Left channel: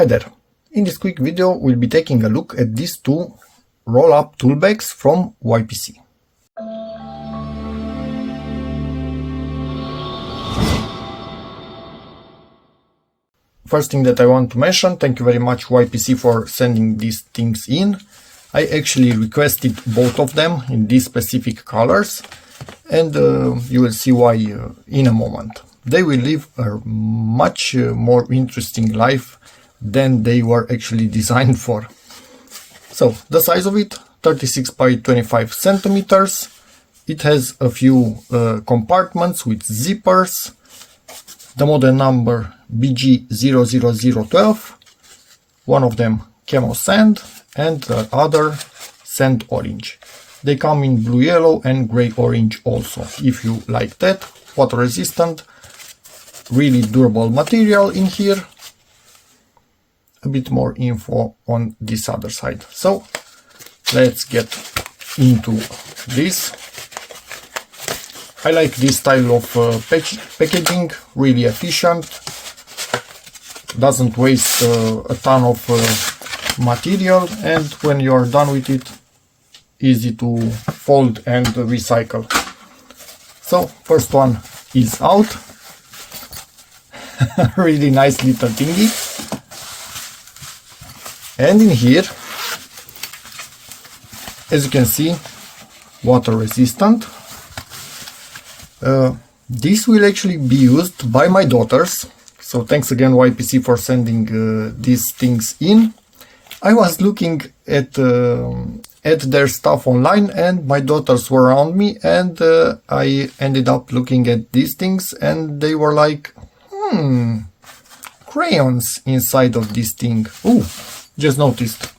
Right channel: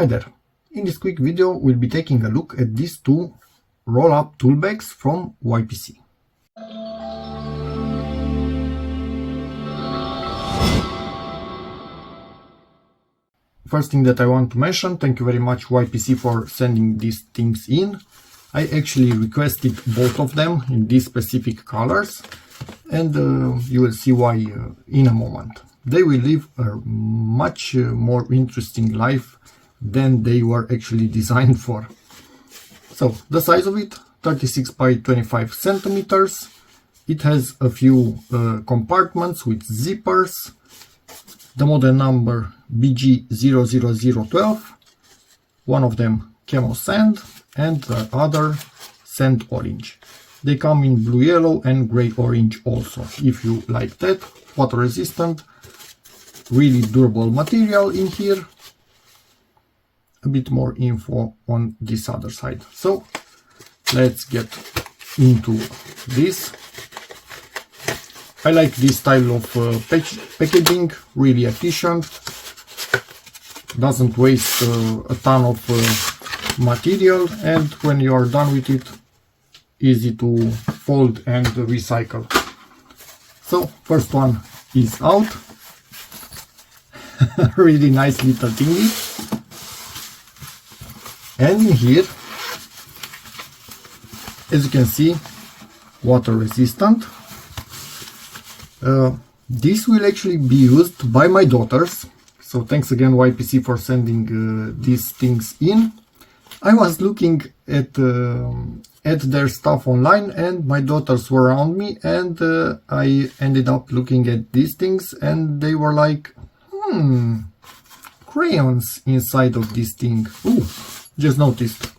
Hi there! In this quick video we'll be taking a look at these two roll-up tool bags from YPC. First thing that I want to mention, thank you very much YPC for sending these things in. I actually requested both of them in these specific colors, and you will see why in a moment. They will live a much more interesting life than they were actually designed for. So the size of it, 36 by 25 centimeters. It has a few compartments with zippers. The model number BG00012, one of them camo sand and the other sand orange. They come in blue yellow and gray orange also, if you like that. Water resistant, really durable material in here. A bit more info on this other side. So let's get into this. I like this style of packaging, really efficient, doesn't waste a ton of material, and when you are done with it, easy to fold and recycle. So first one is out. Really nice little thingy. And in here, as you can see, water resistant. This will actually be used by my daughters, so thanks again YPC for sending these things in. I was looking at their stuff online and my daughters were around me, and I ended up looking at these things and they were like, crayons inside of this thing. Oh, just noticed.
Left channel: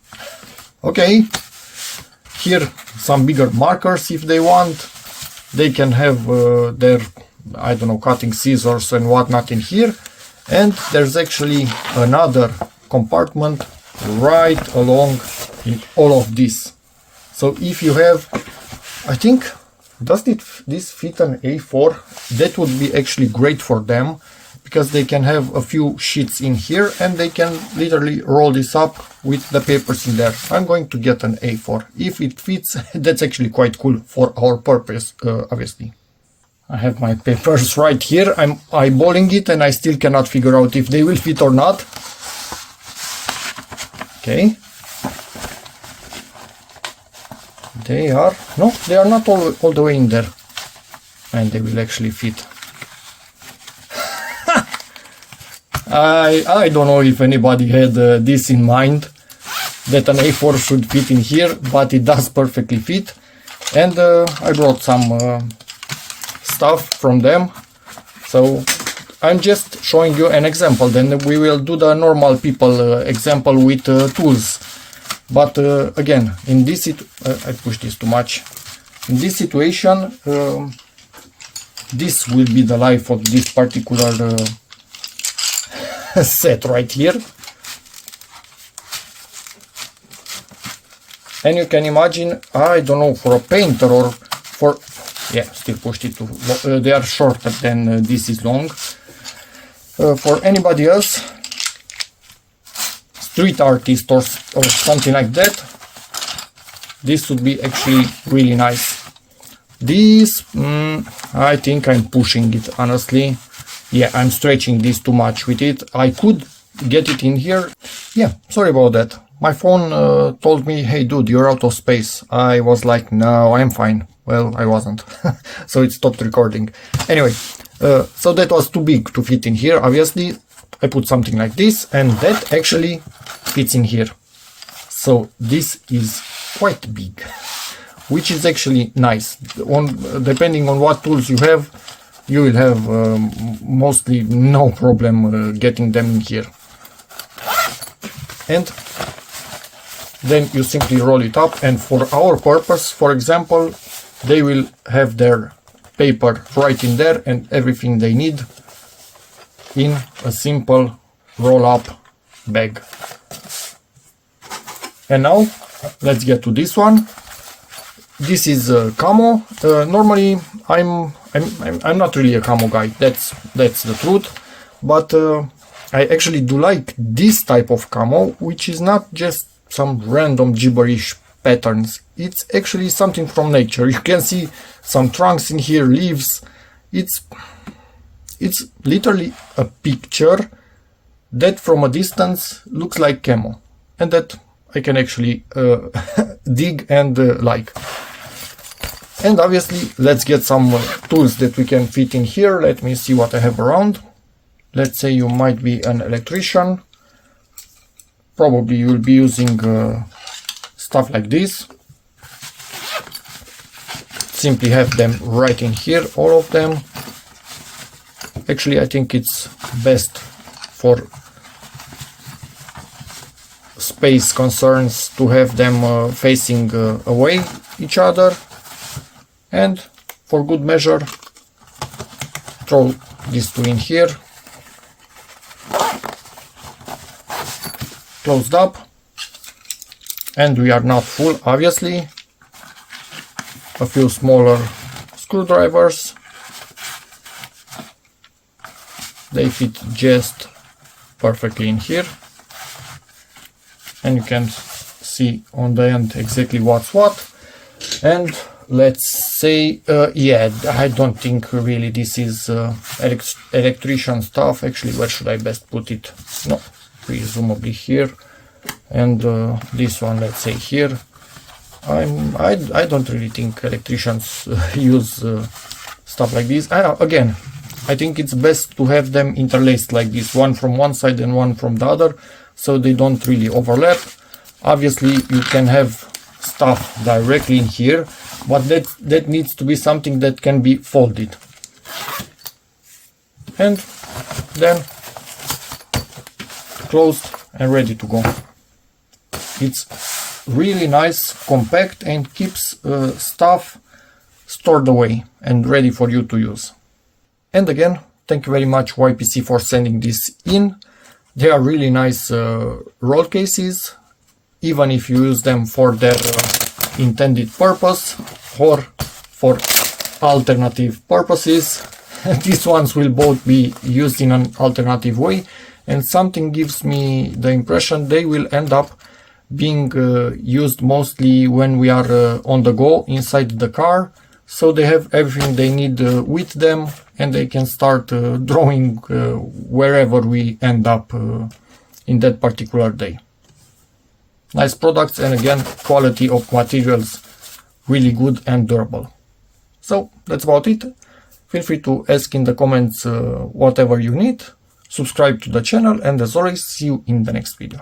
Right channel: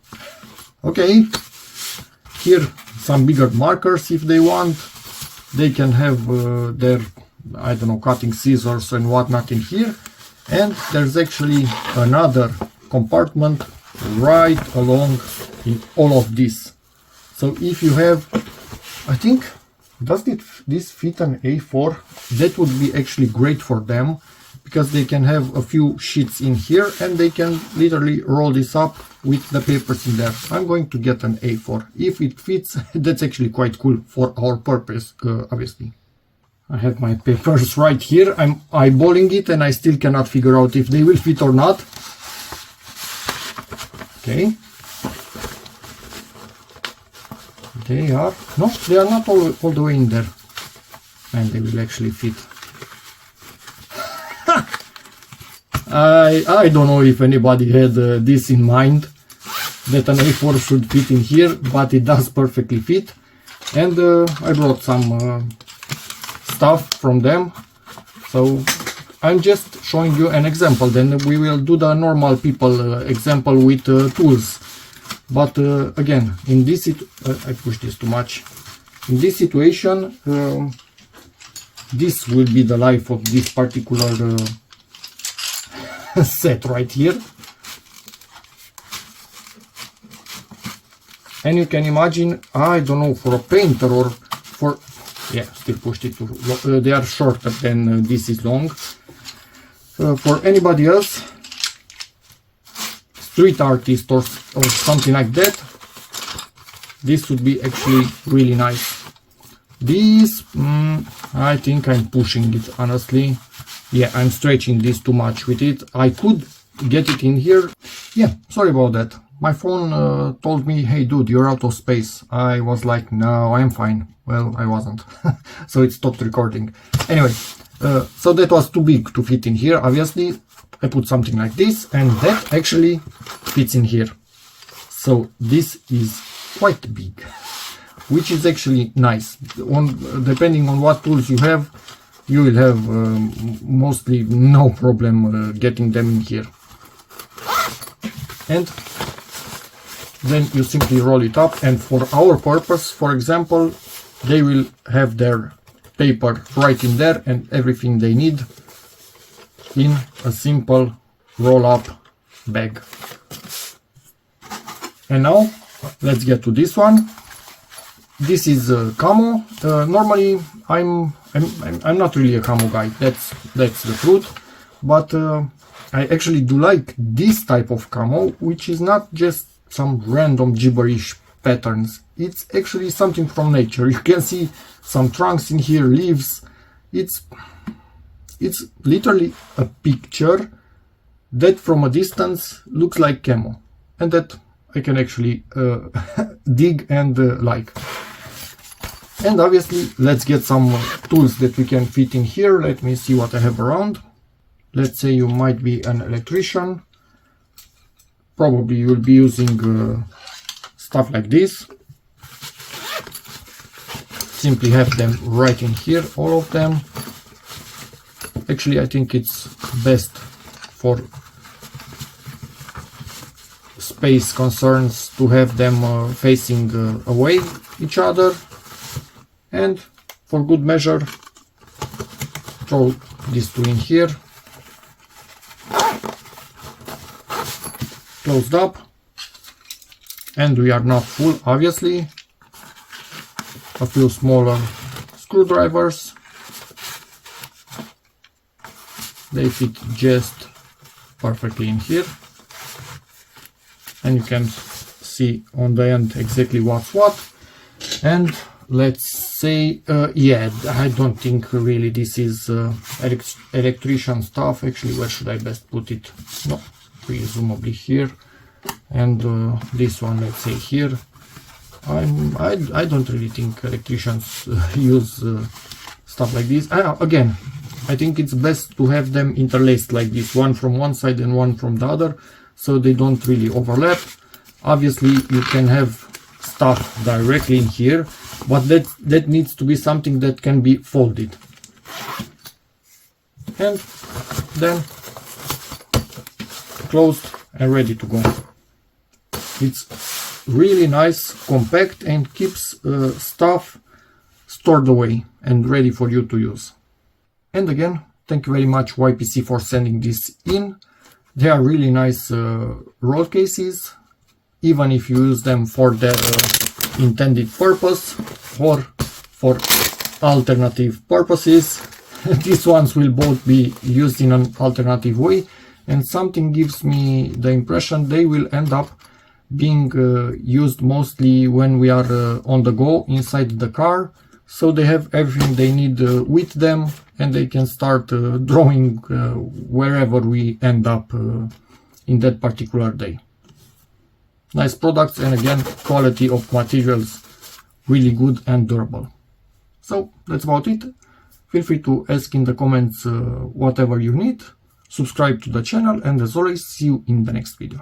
Okay, here some bigger markers if they want. They can have their, I don't know, cutting scissors and whatnot in here. And there's actually another compartment right along in all of this. So if you have, I think, does this fit an A4? That would be actually great for them, because they can have a few sheets in here and they can literally roll this up with the papers in there. I'm going to get an A4. If it fits, that's actually quite cool for our purpose, obviously. I have my papers right here. I'm eyeballing it and I still cannot figure out if they will fit or not. Okay. They are, no, they are not all the way in there. And they will actually fit. I don't know if anybody had this in mind, that an A4 should fit in here, but it does perfectly fit. And I brought some stuff from them, so I'm just showing you an example. Then we will do the normal people example with tools. But again, in this I pushed this too much. In this situation, this will be the life of this particular set right here. And you can imagine, I don't know, for a painter or for, yeah, still pushed it to, they are shorter than this is long. For anybody else, street artist or something like that, this would be actually really nice. This, I think I'm pushing it, honestly. Yeah, I'm stretching this too much with it. I could get it in here. Yeah, sorry about that. My phone told me, hey dude, you're out of space. I was like, no, I'm fine. Well, I wasn't. So it stopped recording. Anyway, so that was too big to fit in here, obviously. I put something like this, and that actually fits in here. So this is quite big, which is actually nice. Depending on what tools you have, you will have mostly no problem getting them in here. And then you simply roll it up, and for our purpose, for example, they will have their paper right in there and everything they need in a simple roll-up bag. And now let's get to this one. This is camo. Normally I'm not really a camo guy, that's the truth, but I actually do like this type of camo, which is not just some random gibberish patterns. It's actually something from nature. You can see some trunks in here, leaves. It's literally a picture that from a distance looks like camo, and that I can actually dig and like. And obviously, let's get some tools that we can fit in here. Let me see what I have around. Let's say you might be an electrician. Probably you will be using stuff like this. Simply have them right in here, all of them. Actually, I think it's best for space concerns to have them facing away each other. And for good measure, throw these two in here, closed up, and we are not full, obviously. A few smaller screwdrivers, they fit just perfectly in here, and you can see on the end exactly what's what. And let's say, yeah, I don't think really this is electrician stuff. Actually, where should I best put it? No, presumably here. And this one, let's say here. I don't really think electricians use stuff like this. Again, I think it's best to have them interlaced like this, one from one side and one from the other, so they don't really overlap. Obviously, you can have stuff directly in here, but that needs to be something that can be folded. And then closed and ready to go. It's really nice, compact, and keeps stuff stored away and ready for you to use. And again, thank you very much YPC for sending this in. They are really nice roll cases, even if you use them for their intended purpose or for alternative purposes. These ones will both be used in an alternative way, and something gives me the impression they will end up being used mostly when we are on the go inside the car, so they have everything they need with them, and they can start drawing wherever we end up in that particular day. Nice products, and again, quality of materials really good and durable. So that's about it. Feel free to ask in the comments whatever you need. Subscribe to the channel, and as always, see you in the next video.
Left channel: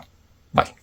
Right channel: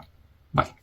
Bye.